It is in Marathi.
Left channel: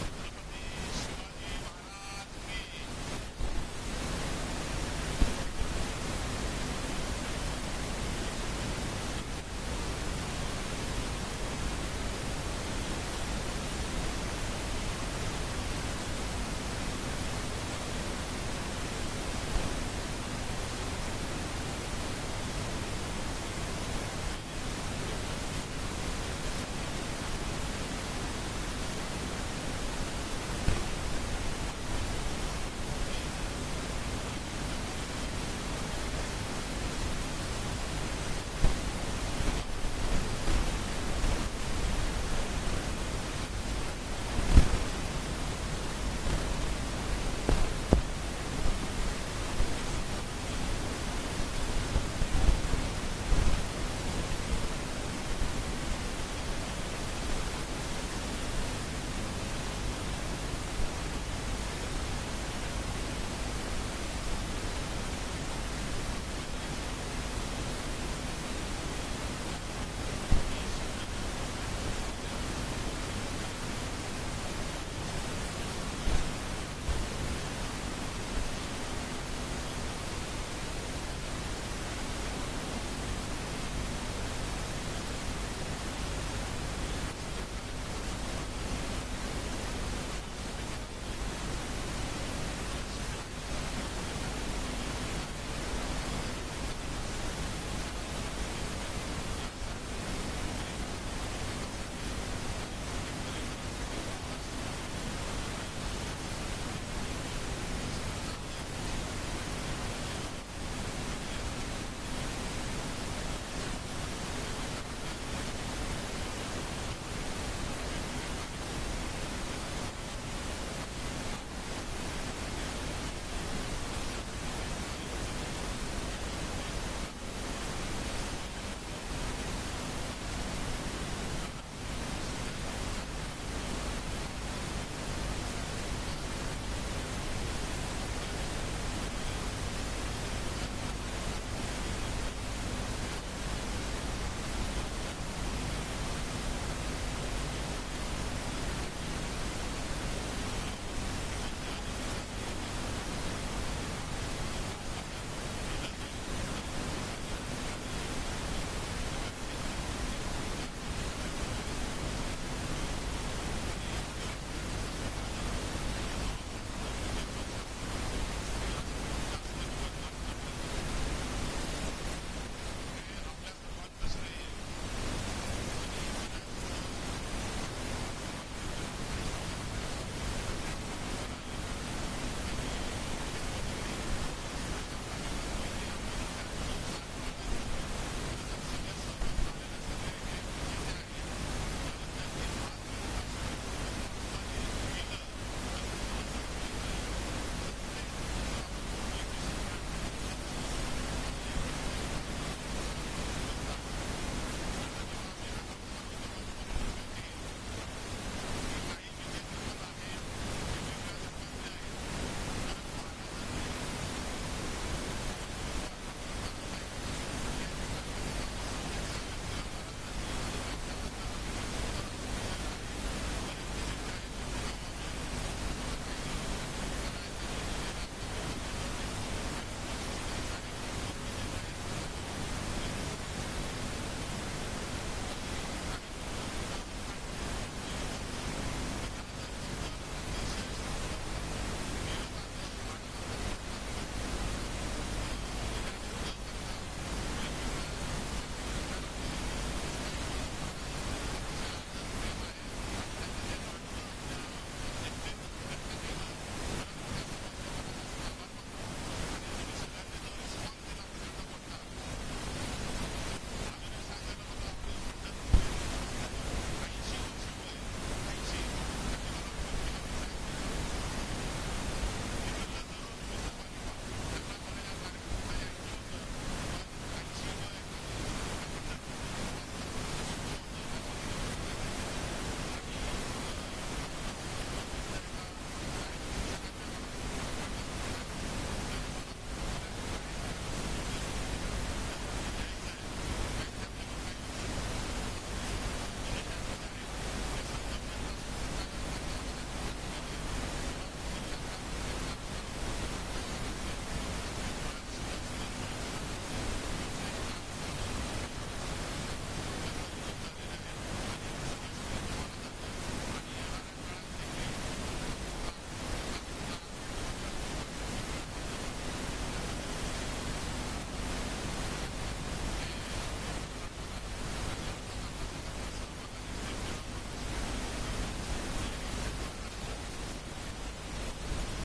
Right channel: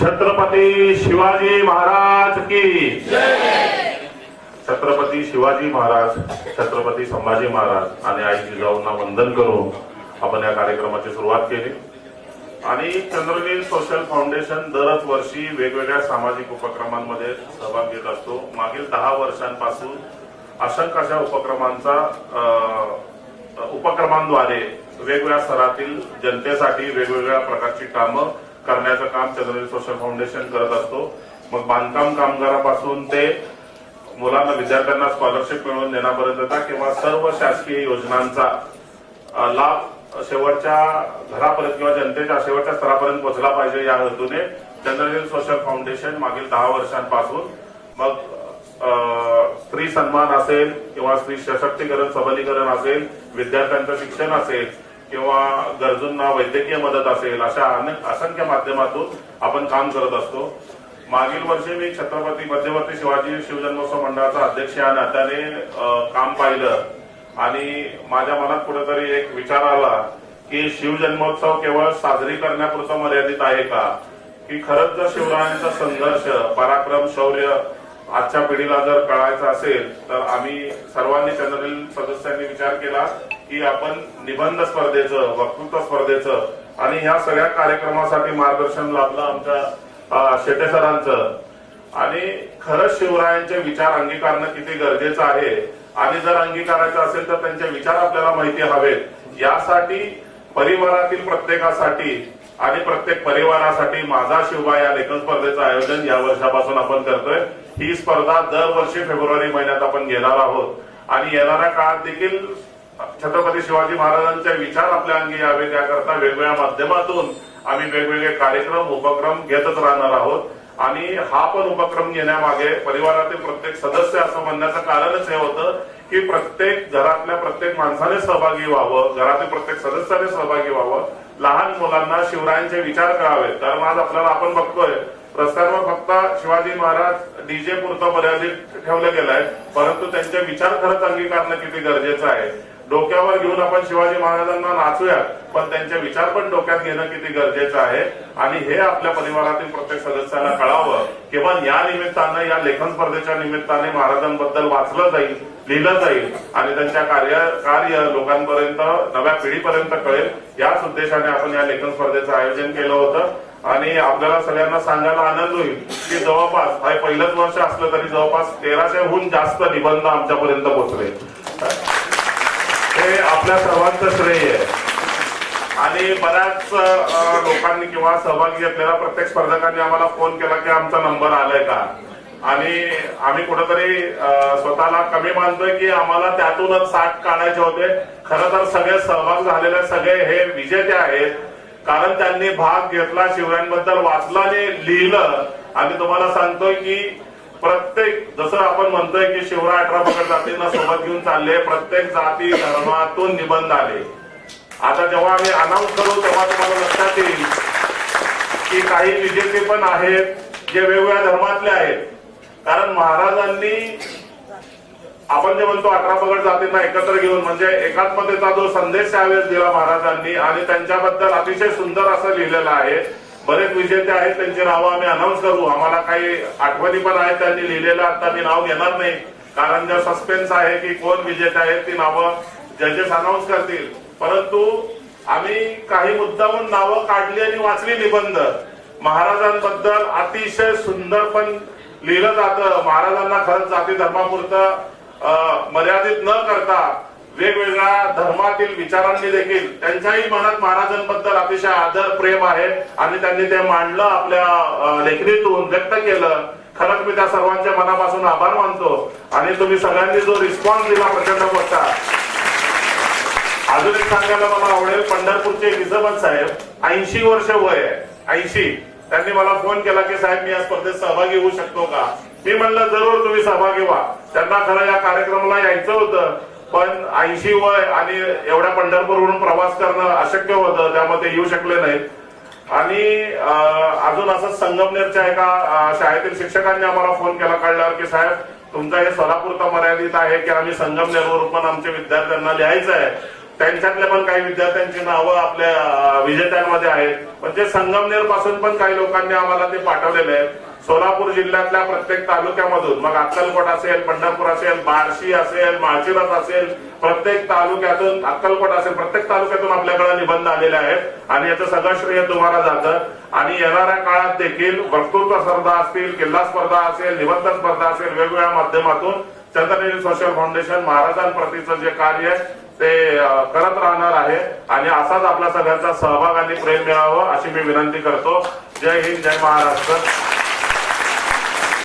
छत्रपती शिवाजी महाराज की जय। छत्रपती शिवाजी महाराज, छत्रपती संभाजी महाराज आणि आई जिजाऊंना वंदन करून आपण या कार्यक्रमाची सुरुवात केली। आणि चंद्रनील सोशल फाउंडेशन दरच वर्षी वेगवेगळ्या सामाजिक उपक्रमांमध्ये सहभाग घेत असतो। मागील 10 वर्षांपासून असंख्य अशा उपक्रमांद्वारे वेगवेगळ्या स्तरातील जनतेसाठी वेगवेगळ्या प्रकारची कामं करण्याचं काम चंद्रनील सोशल फाउंडेशन करत असतो। मग बांधकाम कामगारापासून ते मुलांना विद्यार्थ्यांना स्कॉलरशिप मिळवून देण्यापर्यंतचा किंवा सर्व शासकीय योजनांचा लाभ शेवटच्या घरापर्यंत किंवा जनतेच्या शेवटच्या स्तरापर्यंत पोहोचला पाहिजे या हेतूने चंद्रनील सोशल फाउंडेशन मागील 10 वर्षांपासून मग स्त्री सन्मान असेल किंवा स्त्री सशक्तीकरण सबलीकरण असेल, विद्यार्थ्यांचं शिक्षण असेल किंवा गरजूंना वैद्यकीय मदत असेल, अशा असंख्य माध्यमातून आपण काम करत असतो। मागील वर्षी मी छत्रपती मध्यवर्ती शिवाजी शिवजन्मोत्सव मंडळाचा अध्यक्ष या नात्याने काम पाहिलं आणि माझ्या मनात कुठेतरी एक विचार आला की शिवजन्मोत्सव केवळ साजरी करण्यापुरतं मर्यादित आहे का, की खरंच जर शिवरायांचा संघर्ष, पराक्रम, शौर्य आजच्या पिढीला जर कळायचं असेल तर आम्ही सर्वांनी चंद्रनील सदस्यांनी विचार केला की आपण निबंध स्पर्धेचं, वक्तृत्व स्पर्धेचं आणि ह्या सगळ्या कार्यक्रमासाठी मार्गदर्शन लाभलं आमच्या शेटे सरांचं। आणि खरंच शिवरायांचे विचार अंगीकारणं किती गरजेचं आहे आणि जर अंगीकारायचं असेल तर त्यांचे विचार आपल्याला माहिती हवेत। यासाठी परिवारातील प्रत्येकासाठी आणि प्रत्येक परिवारासाठी माझा शिवबा या लेखन स्पर्धेचं आयोजन या वर्षापासून आपण करतोय। ही स्पर्धा दरवर्षी फेब्रुवारी महिन्यात आपण घेणार आहोत आणि येणाऱ्या काळात देखील छत्रपती शिवाजी महाराजांचे विचार आपल्या अंगी यावे त्याकरता वेगवेगळ्या माध्यमातून आम्ही वेगवेगळे कार्यक्रम, उपक्रम घेतच राहणार आहोत। आणि हा पण उपक्रम घेण्यामागे परिवारातील प्रत्येक सदस्य असं म्हणण्याचं कारणच हे होतं की प्रत्येक घरातल्या प्रत्येक माणसाने सहभागी व्हावं, घरातील प्रत्येक सदस्याने सहभागी व्हावं, लहान मुलांना शिवरायांचे विचार कळावेत। कारण आज आपल्याला आपण बघतोय रस्त्यांवर फक्त शिवाजी महाराज डीजे पुरतं मर्यादित ठेवलं गेलंय, परंतु त्यांचे विचार खरंच अंगीकारणं किती गरजेचं आहे। डोक्यावर घेऊन आपण शिवाजी महाराजांना नाचूयात, पण त्यांचे विचार पण डोक्यात घेणं किती गरजेचं आहे आणि हे आपल्या परिवारातील प्रत्येक सदस्याला कळावं। किंवा या निमित्तानं, या लेखन स्पर्धेच्या निमित्ताने महाराजांबद्दल वाचलं जाईल, लिहिलं जाईल आणि त्यांच्या कार्य लोकांपर्यंत, नव्या पिढीपर्यंत कळेल, याच उद्देशाने आपण या लेखन स्पर्धेचं आयोजन केलं होतं। आणि आपल्याला सगळ्यांना सांगायला आनंद होईल की जवळपास हे पहिलंच वर्ष असलं तरी जवळपास 1300हून जास्त निबंध आमच्यापर्यंत पोहोचले। हे आपल्या सर्वांचं श्रेय आहे। आणि बऱ्याच लोकांनी किंवा सहभागी घेतलेल्या प्रत्येक स्पर्धकांनी आम्हाला फोन केला की आमचा नंबर आलाय का, आणि आम्ही कुठेतरी स्वतःला कमी मानतोय की आम्हाला त्यातूनच 60 काढायचे होते। खरं तर सगळे सहभाग झालेले सगळे हे विजेते आहेत, कारण त्यांनी भाग घेतला, शिवरायांबद्दल वाचलं आणि लिहिलं। आणि तुम्हाला सांगतोय की प्रत्येक, जसं आपण म्हणतोय की शिवराय 18 पगड जातींना सोबत घेऊन चालले, प्रत्येक जाती धर्मातून निबंध आले। आता जेव्हा आम्ही अनाऊन्स करू तेव्हा तुम्हाला लक्षात येईल की काही विजेते पण आहेत जे वेगवेगळ्या धर्मातले आहेत। कारण महाराजांनी, आपण जे म्हणतो 18 पगड जातींना एकत्र घेऊन, म्हणजे एकात्मतेचा जो संदेश त्यावेळेस दिला महाराजांनी आणि त्यांच्याबद्दल अतिशय सुंदर असं लिहिलेलं आहे। बरेच विजेते आहेत, त्यांची नावं आम्ही अनाऊन्स करू, आम्हाला काही आठवणी पण आहेत त्यांनी लिहिलेलं। आता मी नाव घेणार नाही कारण जर सस्पेन्स आहे की कोण विजेते आहेत, ती नावं जजेस अनाऊन्स करतील। परंतु आम्ही काही मुद्दामून नावं काढली आणि वाचली निबंध। महाराजांबद्दल अतिशय सुंदर पण लिहिलं जातं। महाराजांना खरंच जाती धर्मापुरतं मर्यादित न करता वेगवेगळ्या धर्मातील विचारांनी देखील त्यांच्याही मनात महाराजांबद्दल अतिशय आदर, प्रेम आहे आणि त्यांनी ते मांडलं, आपल्या लेखणीतून व्यक्त केलं। खरंच मी त्या सर्वांच्या मनापासून आभार मानतो। आणि तुम्ही सगळ्यांनी जो रिस्पॉन्स दिला प्रचंड मोठा। अजून एक सांगायला मला आवडेल, पंढरपूरचे हिजबत साहेब 80 वर्ष वय आहे, 80, त्यांनी मला फोन केला की साहेब मी या स्पर्धेत सहभागी होऊ शकतो का। मी म्हणलं जरूर तुम्ही सहभागी व्हा। त्यांना खरं या कार्यक्रमाला यायचं होतं, पण 80 वय आणि एवढ्या पंढरपूरवरून प्रवास करणं अशक्य होतं, त्यामध्ये येऊ शकले नाहीत। आणि अजून असं संगमनेरच्या एका शाळेतील शिक्षकांनी आम्हाला फोन केला कळल्यावर की साहेब तुमचं हे सोलापूरचं मर्यादित आहे की आम्ही संगमनेरवरून पण आमच्या विद्यार्थ्यांना लिहायचं आहे, त्यांच्यातले पण काही विद्यार्थ्यांची नावं आपल्या विजेत्यांमध्ये आहेत. पण ते संगमनेर पासून पण काही लोकांनी आम्हाला ते पाठवलेले आहेत. सोलापूर जिल्ह्यातल्या प्रत्येक तालुक्यामधून, मग अक्कलकोट असेल, पंढरपूर असेल, बार्शी असेल, माळशिरस असेल, प्रत्येक तालुक्यातून, अक्कलकोट असेल, प्रत्येक तालुक्यातून आपल्याकडे निबंध आलेले आहेत आणि याचं सगळं श्रेय तुम्हाला जातं. आणि येणाऱ्या काळात देखील वक्तृत्व स्पर्धा असतील, किल्ला स्पर्धा असेल, निबंध स्पर्धा असेल, वेगवेगळ्या माध्यमातून चंद्रनील सोशल फाउंडेशन महाराजांप्रतीचं जे कार्य आहे ते करत राहणार आहे. आणि असाच आपला सगळ्यांचा सहभाग आणि प्रेम मिळावं अशी मी विनंती करतो. जय हिंद, जय महाराष्ट्र.